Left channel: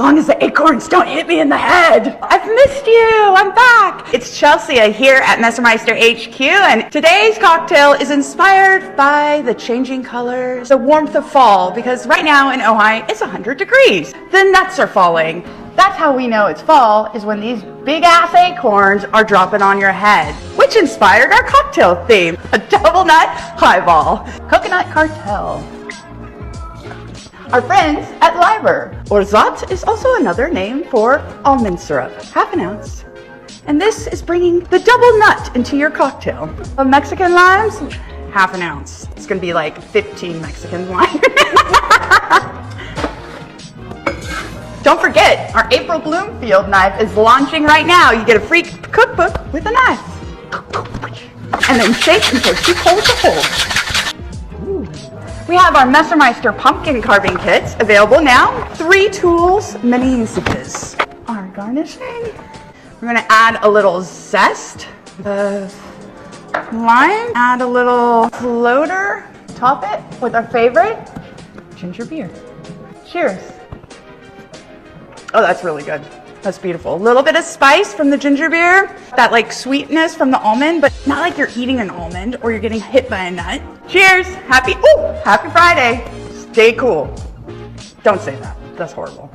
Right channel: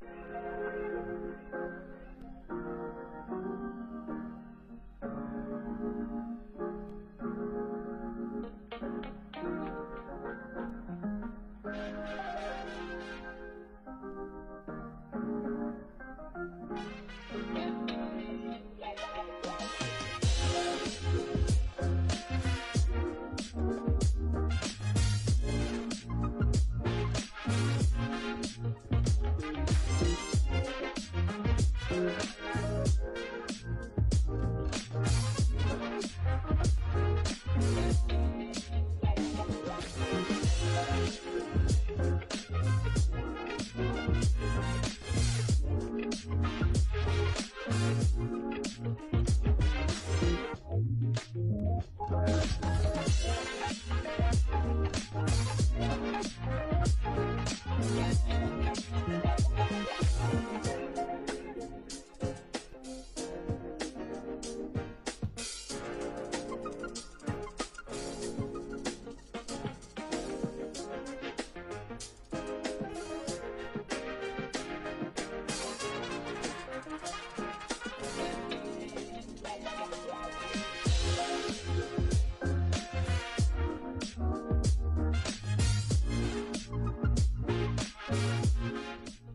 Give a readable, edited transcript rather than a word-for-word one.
As long as the acorns don't hit me in the head. I've missed you, I'm back. It's Chelsea here at Messermeister HQ, and today's cocktail is inspired by the changing colors, the warmth of fall, because right now in Ojai, it's 100 degrees. The nuts are falling. That's how we know it's fall, is when these big ass acorns are dropping on your head, which inspired our cocktail theme, a double nut highball, coconut cartel. Our friends at Liber. Orgeat is also another name for almond syrup, half an ounce. And this is bringing the double nut into your cocktail. Mexican limes, half an ounce. It's gonna be like 15 Mexican limes. Don't forget, our April Bloomfield knife is launching right now. You get a free cookbook with a knife. And then shake until she holds a hole. We have our Messermeister pumpkin carving kits available now. 3 tools, many usages. Our garnishing. We're gonna add a little zest, the lime, add a little floater, top it with our favorite ginger beer. Cheers. Oh, that's really good. That's beautiful. A little bit of spice from the ginger beer, that like sweetness from the almond, but not like you're eating an almond or you're getting hit by a nut. Cheers. Happy Friday. Stay cool. Don't say that. That's horrible.